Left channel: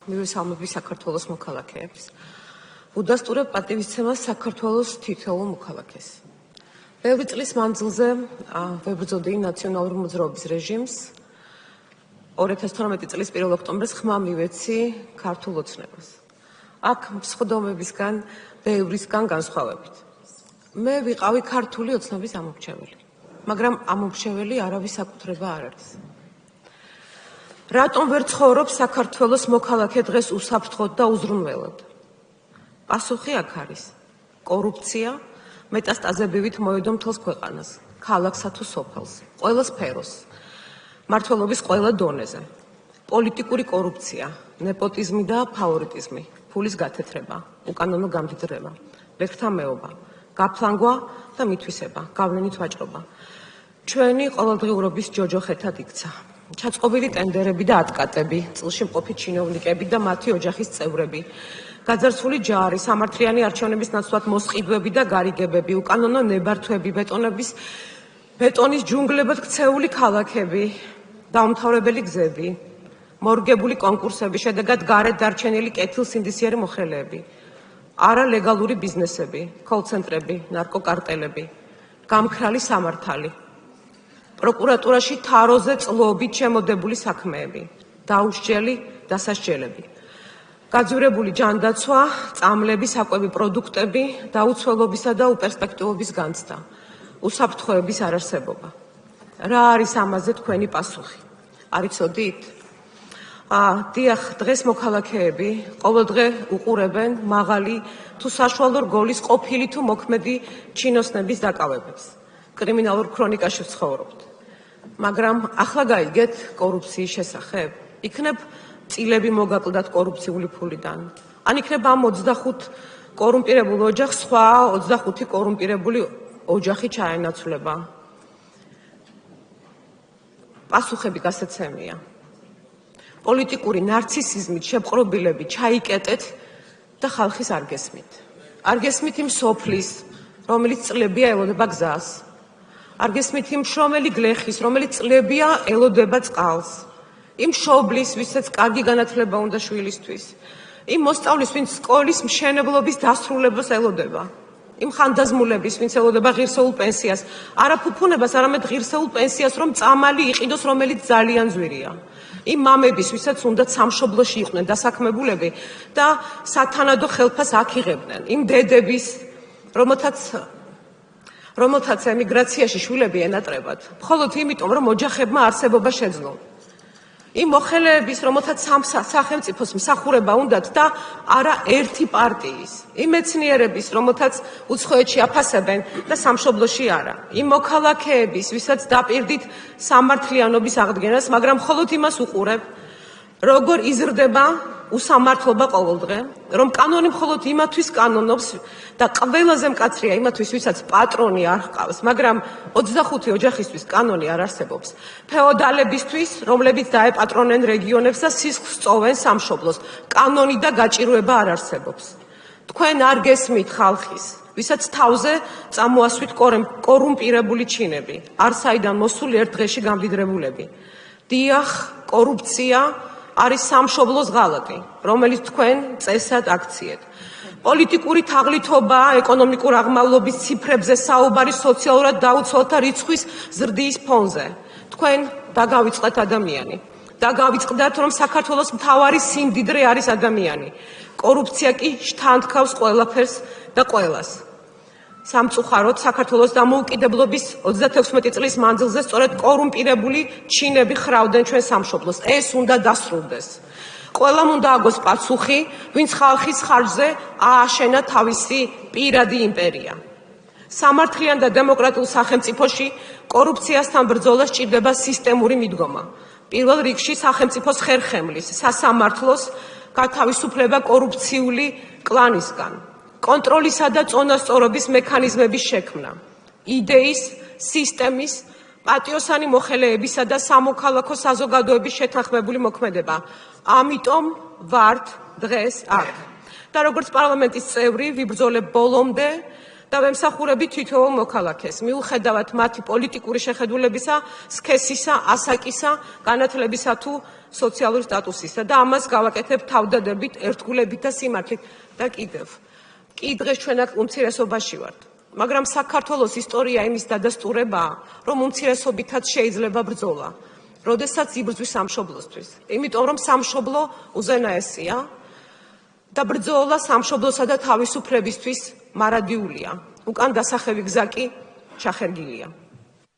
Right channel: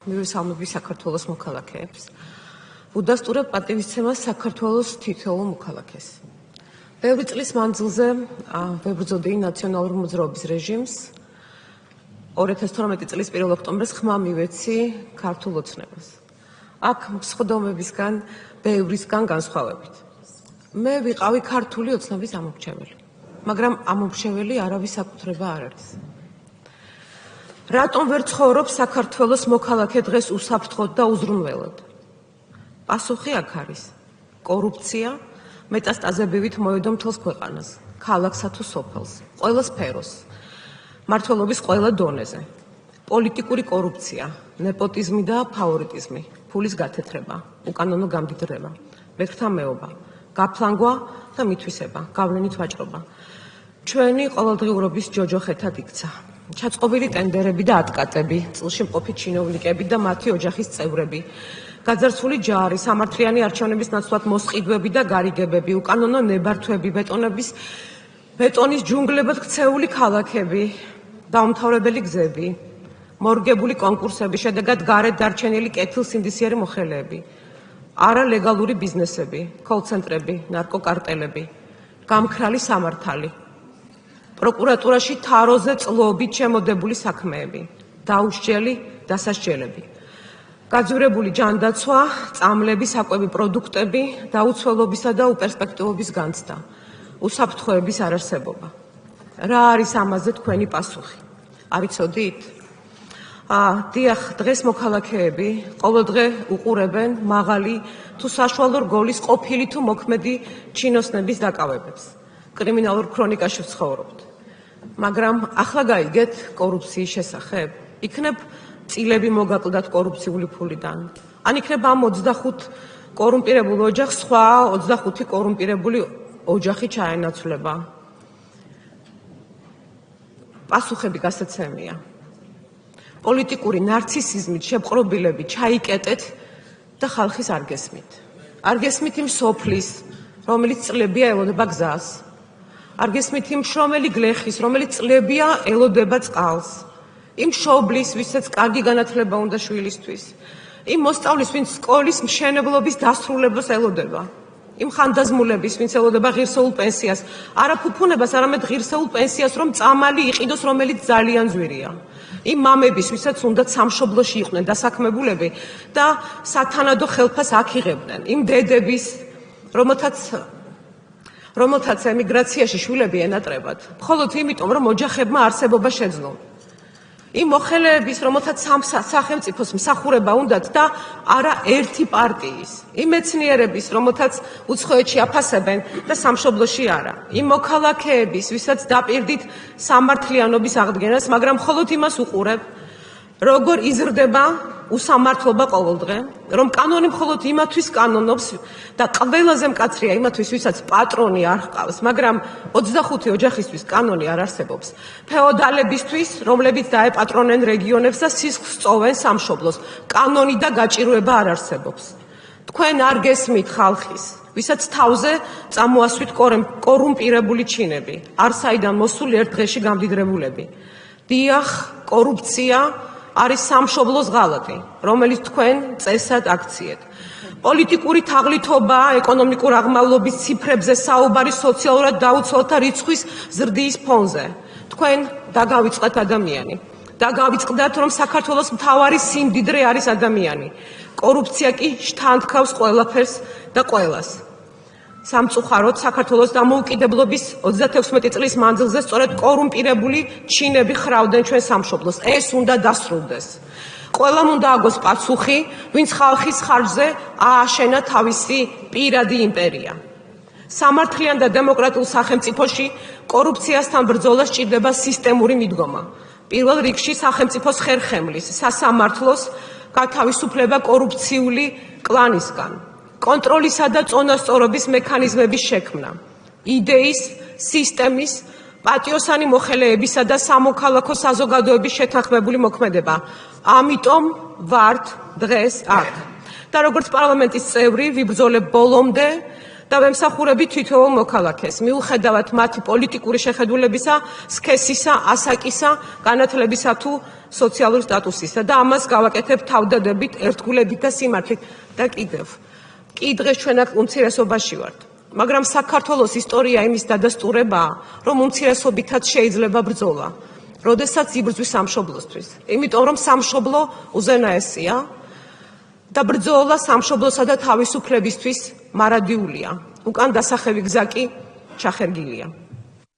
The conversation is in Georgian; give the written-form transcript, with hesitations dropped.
მივესალმები საქართველოს მოქალაქეებს. უდასტურებ პატივისცემას საქართველოს თითოეულ მოქალაქეს. ბევრი წლის მანძილზე ვებრძოდი ნაციონალური მოძრაობის რეჟიმს. 2012 წლის 1 ოქტომბერს ხმა მივეცი ქართულ ოცნებას. აქ მსხვდომებისგან, ბევრისგან განსხვავებით. მე ვიყავი ქართული ოცნების ამომრჩეველი, მაგრამ ამომრჩეველი არავის საკუთრება არ არის. რატომ ვერ ცხოვრობს საქართველოს მოქალაქე დღეს უსაფრთხოდ და უზრუნველად? პასუხი აქ არის. კორუფცია მეტასტაზებივით მოედო მთელს ქვეყანას, ქალაქსა თუ სოფელს, ყველა სფეროს, მმართველობის ყველა დონეზე. პოლიტიკური კორუფცია, ნეპოტიზმი და ფავორიტიზმი, ფულის გათეთრება, უკანონო გამდიდრება, მეთრთამეობა, გაფლანგვა და მითვისება, გავლენით ვაჭრობა. ჩვენი ყოველდღიურობის ჯოჯოხეთად იქცა. ჩაწყობილი ტენდერები და ატკატები, წილში მყოფი ჩინოვნიკები და მათი ოჯახის წევრები, გაძარცვული ჯარი, სამართლიანი არჩევნების ნაცვლად მოსყიდვები და გარიგებები, უკანონო ნებართვები, ბეტონის ჯუნგლებად ქცეული ქალაქები, დაუმთავრებელი გზები, მორგებული კონკურსები, შედეგად გარეთ დარჩენილი კეთილსინდისიერი მოხელეები, არალეგალური ბიზნესები, კოლ-ცენტრები, ნარკოკარტელები, გამქრალი სამართალი. პროკურატურაში თაროზე წლობით შემოდებული საქმეები, დაუსჯელი დასასჯელები, გაძვირებული ჯანდაცვა, წამლები, საკვები პროდუქტები, დაუცველობისა და უპერსპექტივობის განცდა, უსაფრთხოების არარსებობა. რა არის ამაზე თქვენი პასუხი? არ იცოდით? დიახ, დღეს მოქალაქეები ყოველდღე უყურებენ მაღალი თუ საშუალო რგოლის ყოფილი თუ მოქმედი ჩინოსნების დაკავებებს. კრიმინალურ ქრონიკაში ვცხოვრობთ. მაგრამ ახლა გაიგეთ კორუფციის შესახებ? იქნებ წილები მოგაკლდათ კორუფციული ფულიდან? ან იქნებ ამ 25 კორუმპირებულ ოჯახს სხვა 25 კორუმპირებული ოჯახი ჩაენაცვლება? პასუხები გასაცემია. პოლიტიკური ნარცისიზმით შეპყრობილები ჩაიკეტეთ და ხალხის არ გესმით. არ გესმით იმ სოფლის, რომელიც წლებია ელოდება გზას. არ გესმით იმ შრომელი გლეხის, რომელიც წლებია ელოდება წყალს. იმ მშობლის, ვისაც კარგი განათლება უნდა შვილისთვის. იმ მოსწავლის, ვინც სკოლის მშენებლობის დასრულებას ელოდება. იმ ხანდაზმულების, ვინც ელოდება ღირსეულ პენსიას. არა ფუფუნებას, არამედ ღირსეულ პენსიას, რომ წამალი იყიდოს, რომელიც ძალიან ძვირია. იმ მამების, ვისაც უნდათ სამშობლოში იყვნენ დასაქმებულები და სათანადო ხელფას აქ იღებდნენ. იმ დედების, რომელთაც ემიგრაციაში შვილები ენატრებათ, მხოლოდ იმიტომ, რომ ოჯახებმა არსებობა შეძლონ. იმ მოხელეების, რომელთაც სახელმწიფოს მსახურება უნდათ და არა ერთი პარტიის. იმ მეცნიერების, რომელთაც უცხოეთში აფასებენ და სამშობლოში არა. იმ მოქალაქეების, ვისაც დაპირდით სამართლიანობის აღდგენას, მაგრამ მხოლოდ იმას უყურებ, როგორ იზრდება უსამართლობა ყოველდღე, რომ კანონი მხოლოდ იმათვის კანონობს და ყველაზე მკაცრია იმათვის, ვისაც პატრონი არ ჰყავს, მაგრამ 25 ოჯახისთვის კანონი არ არსებობს. ფეოდალებისთვის, რომლებიც დაეპატრონენ რეგიონებს და სისხლს სწოვენ სამშობლოს, კანონი და გაჭირვება არ არსებობს. თქვენ არ გესმით ხალხის, ვისაც თავზე წამოასვით კორუმპირებული ჩინები, არ საიდან მოსული ერთ დღეში გამდიდრებულები. დიახ, კორუფცია არის სამშობლოს ღალატი, რომელიც თქვენ წესად აქციეთ. პოლიტიკური თაღლითობა, ეკონომიკურ აღმავლობის ციფრებზე საუბარი სოციალურად დაუცველთა რიცხვის ზრდის ფონზე. თქვენ დაგავიწყდათ ადამიანი. დაგავიწყდათ, რომ საქართველოს მთავარი სიმდიდრე არის ადამიანი. კორუფცია კი შთანთქავს ყველაფერს და ყველას. სამწუხაროდ საქართველოს დამოუკიდებლობის 36 წლის მანძილზე სწორედ კორუმპირებული ჩინები ხრავდნენ ჩვენ სამშობლოს. ეს უნდა დასრულდეს. ყველამ უნდა აგოს პასუხი, ვინც ხალხის ხარჯზე ააშენა თავისი პირადი იმპერია. სამართლიან და დემოკრატიულ სახელმწიფოში კორუფციასთან ბრძოლა სჭირდება სისტემური მიდგომა. პირველ რიგში სახელმწიფოს ხერხემლის, სასამართლოს გათავისუფლება კორუფციული კლანისგან. კონტროლისა და წონასწორობის მექანიზმების შექმნა, იდეის, სისტემის, პატიოსანი მოხელეებისა და სამოქალაქო საზოგადოების შეთანხმებული მოქმედება. ამიტომ ვართ დღეს აქ. და როგორც პარლამენტის წევრი ვიბრძოლებ ბოლომდე და ვემსახურები თითოეულ მოქალაქეს, მიუხედავად მათი პოლიტიკური შეხედულებისა, სქესისა, ასაკისა, განათლებისა თუ სოციალური სტატუსისა და ამას გავაკეთებ თავდადებით, ერთგულებით და სიმართლით და კიდევ. კი დღეს ჩვენ აქ უმცირესობაში ვართ, მაგრამ საქართველოს ისტორია იმის დადასტურებაა, რომ უმცირესობითაც შეიძლება ბრძოლა, როდესაც იბრძვის სამშობლოსთვის. იმიტომ რომ სამშობლო უზენაესია და ბრძოლა სამშობლოსა და თავისუფლებისთვის მარადიულია. უკან დასახევი გზა კი ჩახერგილია.